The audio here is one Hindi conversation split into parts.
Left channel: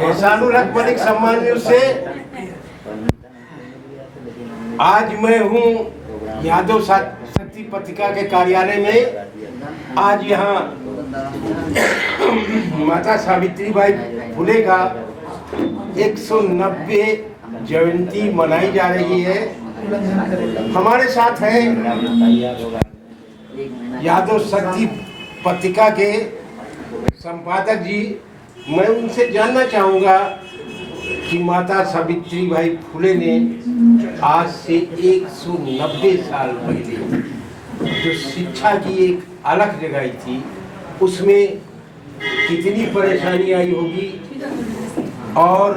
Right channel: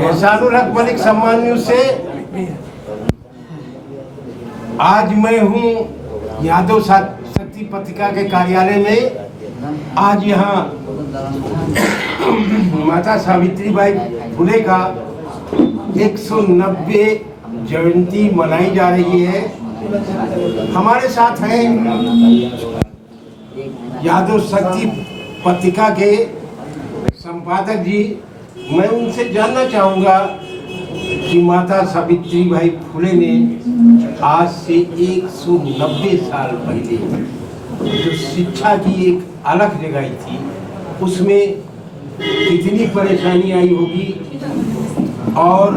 एहसानुल मलिक सम्मानियों से आज मैं हूँ यादव शक्ति पत्रिका के कार्यालय में। आज यहाँ माता सावित्रीबाई फुले का 190 जयंती मनाई जा रही है। हमारे साथ हैं यादव शक्ति पत्रिका के संपादक जी। मैं उनसे जानना चाहूँगा कि माता सावित्रीबाई फुले ने आज से 190 साल पहले जो शिक्षा की एक अलख जगाई थी, उसमें कितनी परेशानी आई होगी और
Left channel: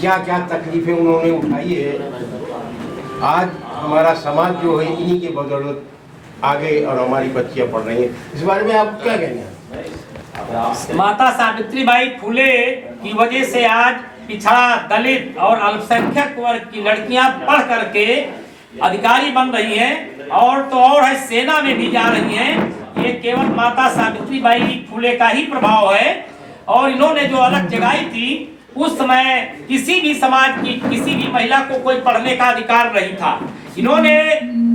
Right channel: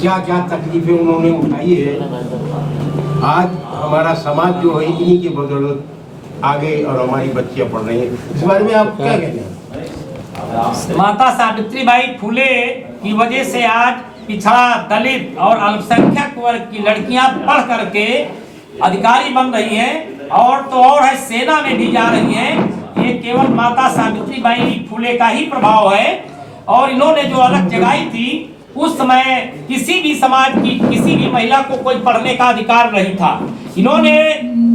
क्या क्या तकलीफें उन्होंने उठाई है। आज हमारा समाज जो है इन्हीं के बदौलत आगे और हमारी बच्चियां पढ़ रही हैं। इस बारे में आप क्या कहते हैं? माता सावित्रीबाई फुले की वजह से आज पिछड़ा, दलित और अल्पसंख्यक वर्ग की लड़कियां पढ़ करके अधिकारी बन रही हैं और तो और है सेना में भी जा रही हैं। ये केवल माता सावित्रीबाई फुले का ही प्रभाव है। और इन्होंने जो अलग जगाई थी, उस समय किसी भी समाज की किसी भी महिला को कोई पढ़ने का अधिकार नहीं था। इन्होंने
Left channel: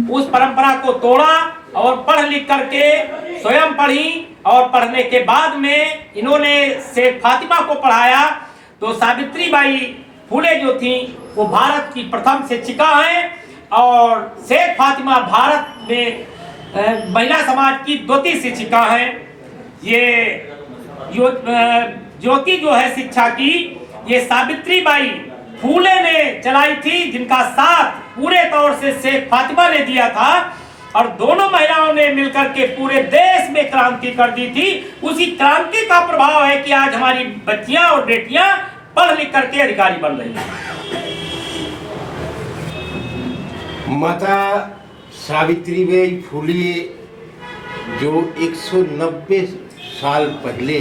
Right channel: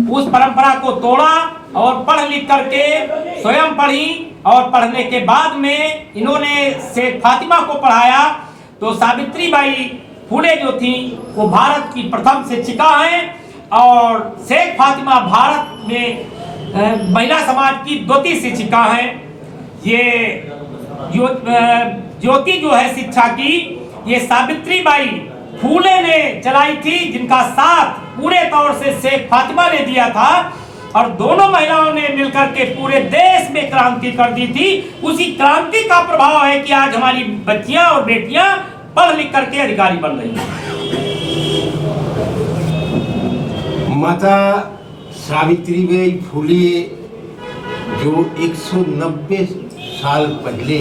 उस परंपरा को तोड़ा और पढ़ लिख करके स्वयं पढ़ी और पढ़ने के बाद में इन्होंने शेख फातिमा को पढ़ाया। तो सावित्रीबाई फुले जो थी वो भारत की प्रथम शिक्षिका हैं और शेख फातिमा भारत में महिला समाज की द्वितीय शिक्षिका हैं। ये ज्योति जो है शिक्षा की, ये सावित्रीबाई फुले ने चलाई थी, जिनका साथ पूरे तौर से शेख फातिमा ने दिया था और दोनों महिलाओं ने मिलकर के पूरे देश में क्रांति कर दी थी। उसी क्रांति का प्रभाव है कि आज हमारी बच्चियां और बेटियां पढ़ लिख करके अधिकारी बन रही हैं। माता सावित्रीबाई फुले जो 190 साल पहले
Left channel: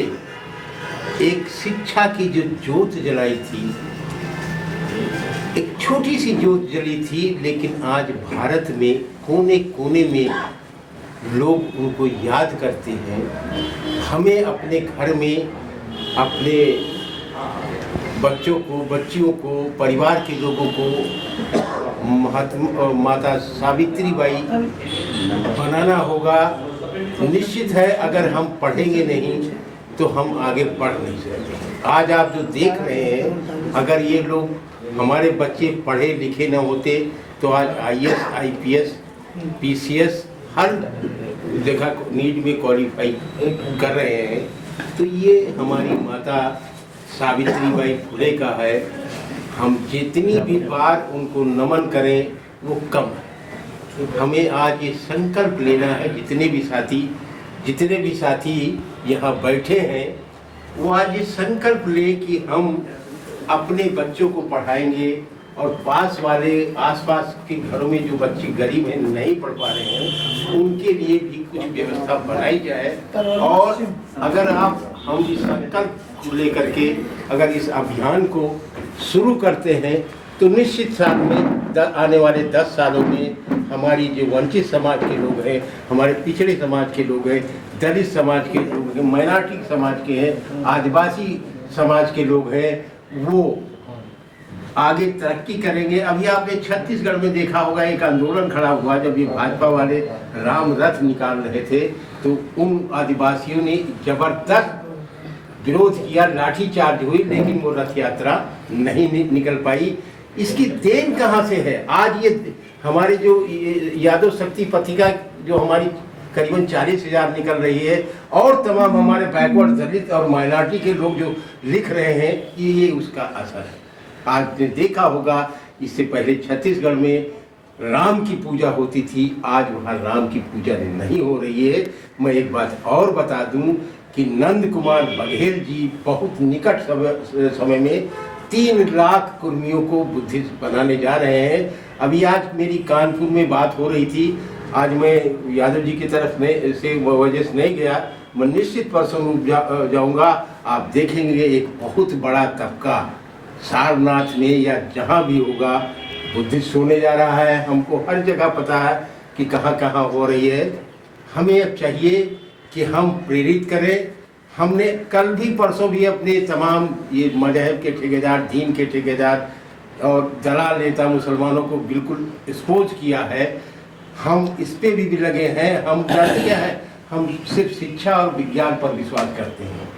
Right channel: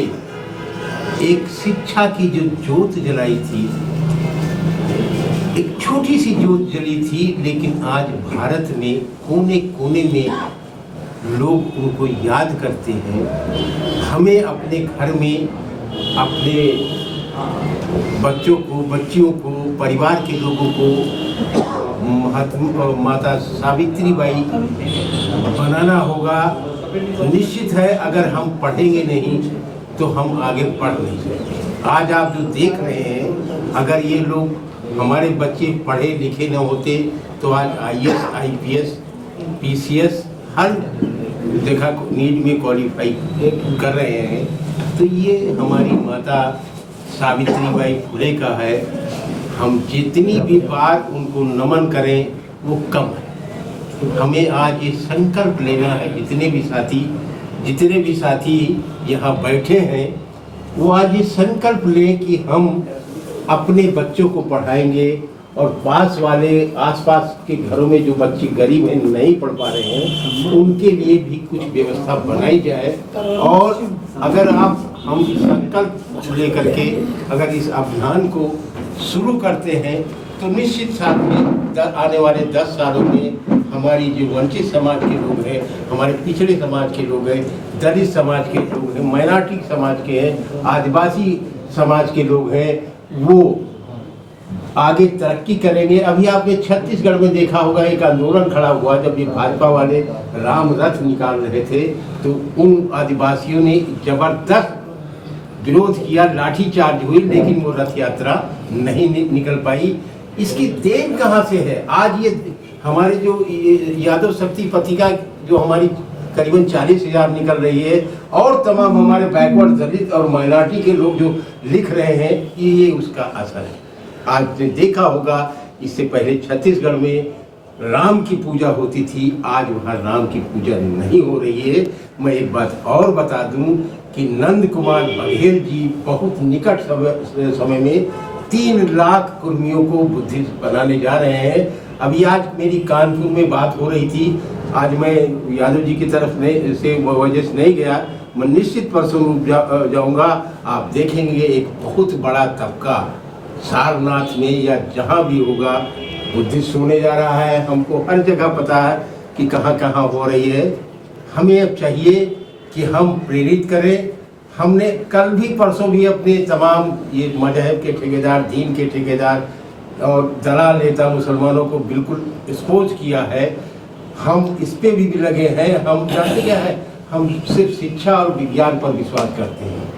एक शिक्षा की जो ज्योत जलाई थी, एक छोटी सी ज्योत जली थी, लेकिन आज भारत में कोने कोने में लोग उनको याद करते हैं। हमें अपने घर में अपने बच्चों को, बच्चियों को, परिवार के लोगों को माता सावित्रीबाई बनाना होगा। निश्चित है, अगर हम पढ़ेंगे नहीं तो हम आगे बढ़ नहीं सकते। आज आप जो देख रहे हैं, अगर ये लोग हमारे बच्चे पढ़े लिखे न होते तो आज IAS, IPS, PCS हर जगह नीट में क्वालिफाई कर रहे हैं। तो ये हमारी माता सावित्रीबाई फुले का है। हम जितनी भी बार उनको नमन करें वो कम है। हमें आज ये संकल्प लेना है, जितने भी साथी यहाँ बैठे हैं वो आज ये संकल्प लें कि हम अपने बच्चों को पढ़ाएंगे और पास वाले आसपास के घरों में जो बच्चे गरीब हैं, नहीं पढ़ पा रहे हैं, उनके लिए भी कुछ व्यवस्था बनाई जाए। और अगर हम इस संकल्प लेकर के अगर इस अभियान को शुरू करते हैं तो निश्चित साथ में आने वाले 10 सालों में हमारी जो वंचित समाज के लोग हैं, हमारे पिछड़े समाज के लोग हैं, दलित समाज के लोग हैं, माइनॉरिटी समाज के हैं, आदिवासी समाज के लोग हैं, वो आगे तरक्की करेंगे। अभी आपने छत्तीसगढ़ में देखा होगा, एक आंदोलन खड़ा हुआ जब ये भाजपा वाले राम रथ निकाल रहे थे, तो उन आदिवासियों ने जबरदस्त विरोध किया, लाठीचार्ज हुई, लेकिन वो रथ यात्रा नहीं निकल पाई। इसकी देन कहाँ से है? आज ये हमारे जो यादव शक्ति पत्रिका जो हमारी करीबन 40,000 निकल रही है और तमाम हमारे बैकवर्ड, दलित और माइनॉरिटी के लोग जो लिख रहे हैं, ये उसका असर है। आज ने देखा होगा, इससे पहले छत्तीसगढ़ में राम की पूजा होती थी, आज वहाँ राम की पूजा नहीं हो रही है। मैं एक बात और बता दूं कि नंद कुमार बघेल जी बहुत निकट समय में 3 लाख कुर्मियों को बुद्धिस्ट बनाने जा रहे हैं। अभी आज मेरी कानपुर में बात हो रही थी, आज मैं यादव जी की तरफ से वजह से नहीं गया, मैं निश्चित परसों जाऊंगा। आप देखेंगे एक बहुत बड़ा तबका सारनाथ में या जहाँ भी होगा बुद्धिस्ट होने जा रहा है। हमको हर जगह पता है कि कहाँ कहाँ हो रही है। हमें अब चाहिए कि हम प्रेरित करें, हमने कल भी परसों भी अपने तमाम ये मजहब के ठेकेदार, दीन के ठेकेदार और दलाल नेता मुसलमानों को बिल्कुल एक्सपोज किया है। हम इस पे भी लगे हैं। हम जानते क्या है, हम सिर्फ शिक्षा और विज्ञान पर विश्वास करते हैं।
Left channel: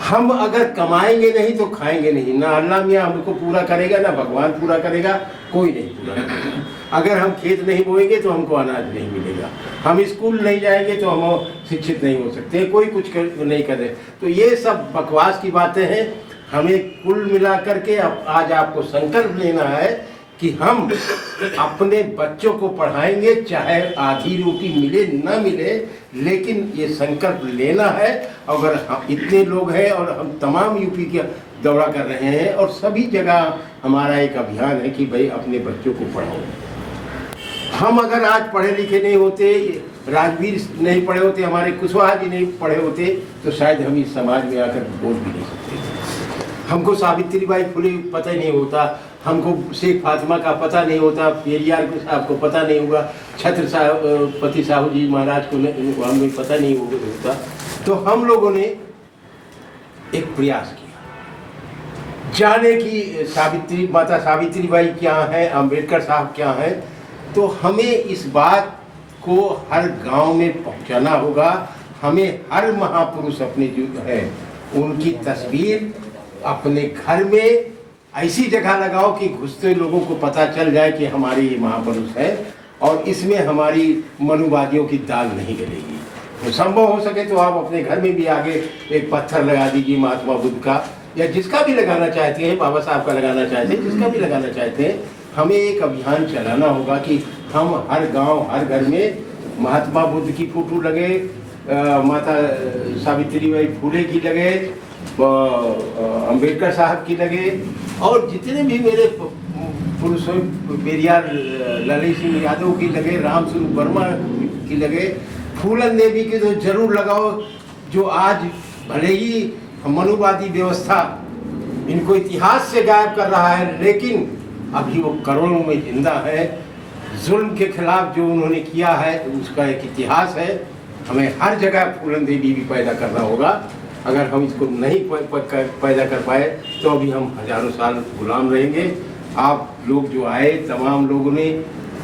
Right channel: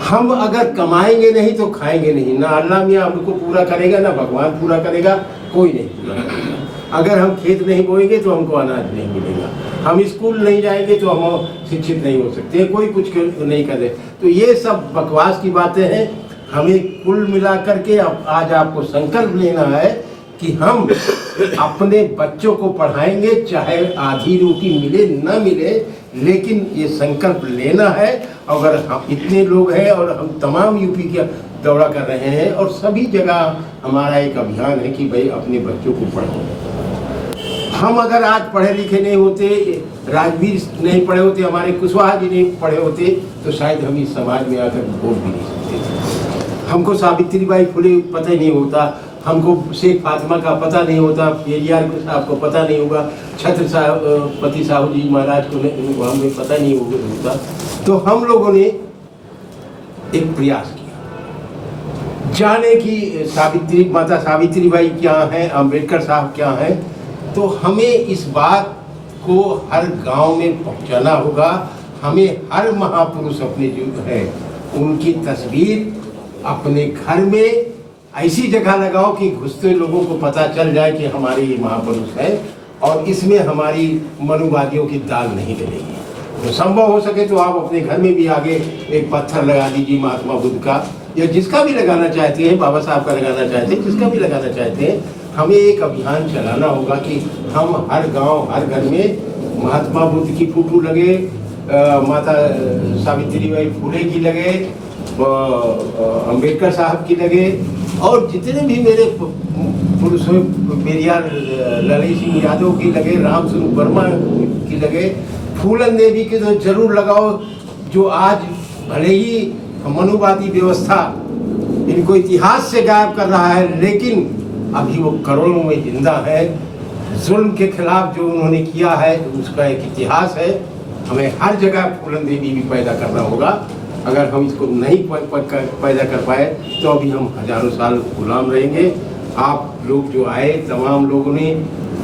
हम अगर कमाएंगे नहीं तो खाएंगे नहीं। ना अल्लाह मियाँ हमको पूरा करेगा, ना भगवान पूरा करेगा, कोई नहीं पूरा करेगा। अगर हम खेत नहीं बोएंगे तो हमको अनाज नहीं मिलेगा। हम स्कूल नहीं जाएंगे तो हम शिक्षित नहीं हो सकते, कोई कुछ नहीं करे। तो ये सब बकवास की बातें हैं। हमें कुल मिला करके आज आपको संकल्प लेना है कि हम अपने बच्चों को पढ़ाएंगे, चाहे आधी रोटी मिले न मिले, लेकिन ये संकल्प लेना है। अगर हम इतने लोग हैं और हम तमाम यूपी के दौरा कर रहे हैं और सभी जगह हमारा एक अभियान है कि भाई अपने बच्चों को पढ़ाओ। हम अगर आज पढ़े लिखे नहीं होते, राजवीर नहीं पढ़े होते, हमारे कुशवाहा जी नहीं पढ़े होते, तो शायद हम इस समाज में आकर बोल भी नहीं सकते। हमको सावित्रीबाई फुले पता ही नहीं होता, हमको शेख फातिमा का पता नहीं होता, पेरियार साहब को पता नहीं होगा, छत्रपति साहू जी महाराज को हमें पता नहीं होता। तो हम लोगों ने एक प्रयास किया जाने की माता सावित्रीबाई क्या है, अम्बेडकर साहब क्या है। तो हमें इस बात को हर गांव में पहुंचाना होगा। हमें हर महापुरुष अपने जो है उनकी तस्वीर अपने घर में ऐसी जगह लगाओ कि घुसते लोगों को पता चल जाए कि हमारे ये महापुरुष है और इसमें हमारी मनुवादियों की दाल नहीं गलेगी। तो संभव हो सके तो आप अपने घर में भी आगे एक पत्थर लगा दीजिए महात्मा बुद्ध का, या जिसका भी लगाना चाहते हैं, बाबा साहब का लगाना चाहते हैं, जिसका भी लगाना चाहते हैं। हमें एक अभियान चलाना होगा कि हम हर गांव हर घर में महात्मा बुद्ध की फोटो लगे, माता सावित्रीबाई फुले की लगे, अम्बेडकर साहब की लगे, और जितने भी मेरे पुरुष पेरियार ललित सिंह यादव की लगे, राम स्वरूप वर्मा की लगे, फूलन देवी की तो जरूर लगाओ, जो आज भले ही मनुवादी व्यवस्था इनको इतिहास से गायब कर रहा है, लेकिन अभी वो करोड़ों में जिंदा है। जुल्म के खिलाफ जो उन्होंने किया है उसका एक इतिहास है। हमें हर जगह फूलन देवी भी पैदा करना होगा। अगर हम इसको नहीं पैदा कर पाए तो अभी हम हजारों साल गुलाम रहेंगे। आप लोग जो आए, तमाम लोगों ने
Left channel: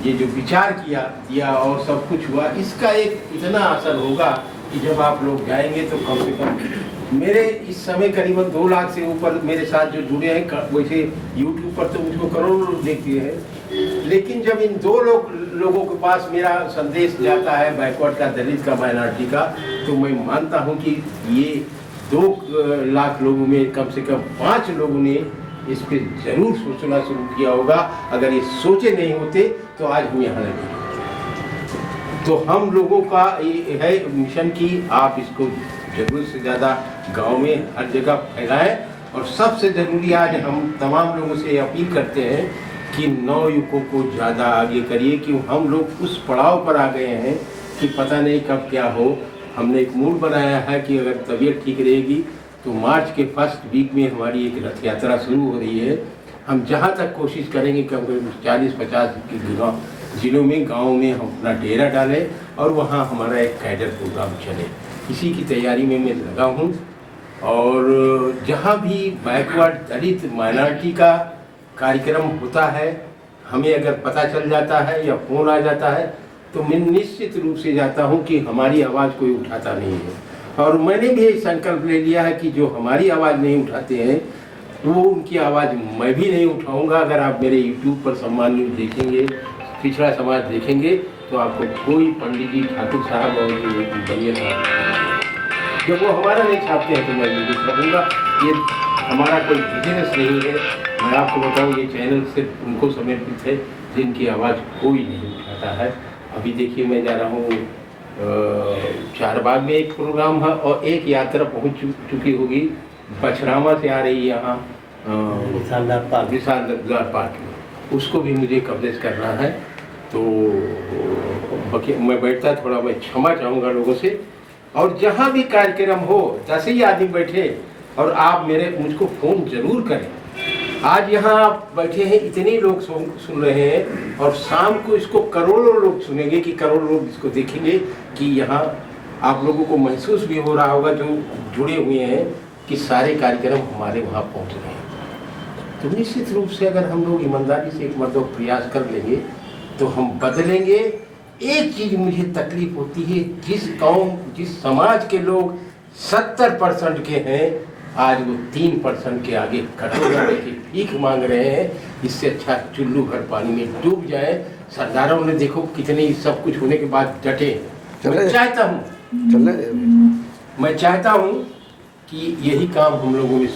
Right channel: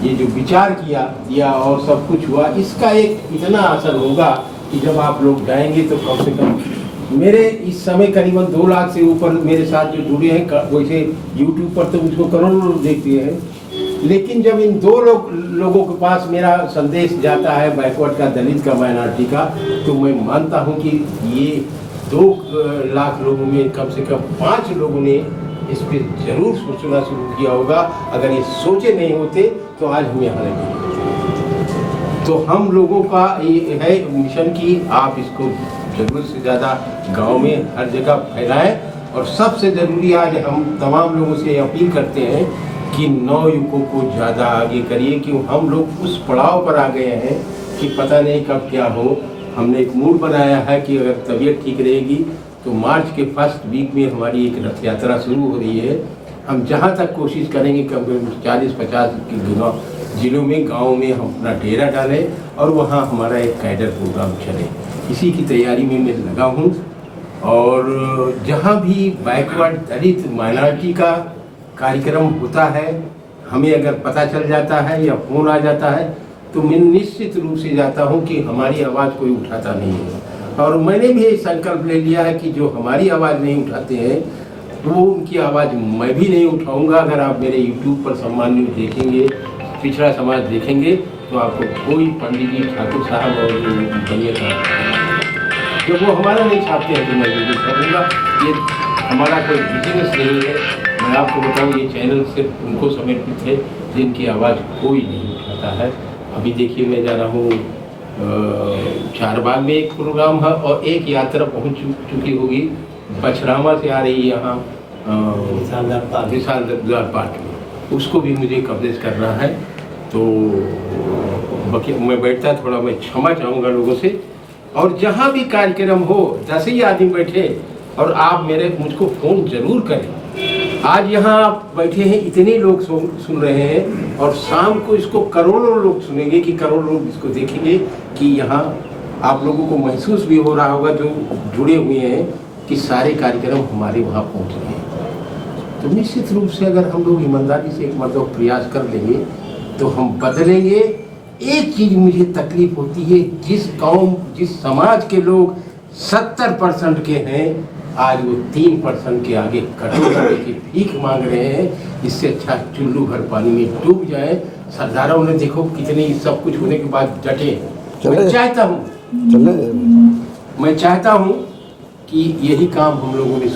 ये जो विचार किया और सब कुछ हुआ, इसका एक इतना असर होगा कि जब आप लोग जाएंगे तो कम से कम मेरे इस समय करीबन 2 लाख से ऊपर मेरे साथ जो जुड़े हैं। वैसे यूट्यूब पर तो मुझको करोड़ों लोग देखते हैं, लेकिन जब इन 2 लोगों के पास मेरा संदेश जाता है, बैकवर्ड का, दलित का, माइनॉरिटी का, तो मैं मानता हूँ कि ये 2 लाख लोगों में कम से कम 5 लोगों ने इस पर जरूर सोचना शुरू किया होगा। अगर ये सोचे नहीं होते तो आज हम यहाँ लगे। तो हम लोगों का ये है मिशन कि आप इसको जरूरत से ज़्यादा गांव में हर जगह फैलाएं। और सबसे ज़रूरी आज हम तमाम लोगों से अपील करते हैं कि नवयुवकों को ज़्यादा आगे करिए, कि हम लोग उस पड़ाव पर आ गए हैं कि पता नहीं कब क्या हो। हमने एक मूड बनाया है कि अगर तबीयत ठीक रहेगी तो मार्च के फर्स्ट वीक में हमारी एक रथ यात्रा शुरू हो रही है। हम जहाँ तक कोशिश करेंगे कम से कम 40-50 जिलों में, गाँव में हम अपना डेरा डालें और वहाँ हमारा एक कैडर प्रोग्राम चले। इसी की तैयारी में मैं लगा हूँ। और जहाँ भी बैकवर्ड, दलित, माइनॉरिटी का कार्यक्रम होता है, हमें अगर पता चल जाता है या फ़ोन आ जाता है तो मैं निश्चित रूप से जाता हूँ कि हमारी आवाज़ कोई उठाता नहीं है। और मैंने भी ये संकल्प ले लिया है कि जो हमारी आवाज़ नहीं उठाते हैं वो उनकी आवाज़ मैं भी नहीं उठाऊँगा। अगर आप मेरे YouTube पर सम्मान न्यूज़ देखेंगे, पिछड़ा समाज देखेंगे, तो आपको कोई पंडित जी, ठाकुर साहब और भैया साहब, जब वो हमारा नहीं छापते हैं तो मैं भी छापूँगा। ये हमारा कोई बिजनेस नहीं है। मैं आपको बताऊँ, ये चैनल सिर्फ उनको समर्पित है जिनकी आवाज़ कोई नहीं उठाता है। अभी देखिए, मैं जा रहा हूँ चारबाग में एक प्रोग्राम है और एक यात्रा पहुँच चुकी होगी, बछरामा से आ रही यहाँ विशाल पार्क में, उसको भी मुझे कवरेज करना है। तो मैं बैठता थोड़ा, मैं क्षमा चाहूँगा लोगों से। और जहाँ भी कार्यक्रम हो, 10 ही आदमी बैठे और आप मुझको फ़ोन ज़रूर करें। आज यहाँ आप बैठे हैं, इतने लोग सुन रहे हैं और शाम को इसको करोड़ों लोग सुनेंगे, कि करोड़ों लोग इसको देखेंगे कि यहाँ आप लोगों को महसूस भी हो रहा होगा जो जुड़े हुए हैं कि सारे कार्यक्रम हमारे वहाँ पहुँच रहे हैं। तो निश्चित रूप से अगर हम लोग ईमानदारी से एक मतलब प्रयास कर देंगे तो हम बदलेंगे। एक चीज़ मुझे तकलीफ होती है, जिस कौम जिस समाज के लोग 70% के हैं आज वो 3% के आगे कटोरा लेके भीख मांग रहे हैं। इससे अच्छा चुल्लू भर पानी में डूब जाए। सरदारों ने देखो कितने सब कुछ होने के बाद डटे। मैं चाहता हूँ कि यही काम हम लोगों में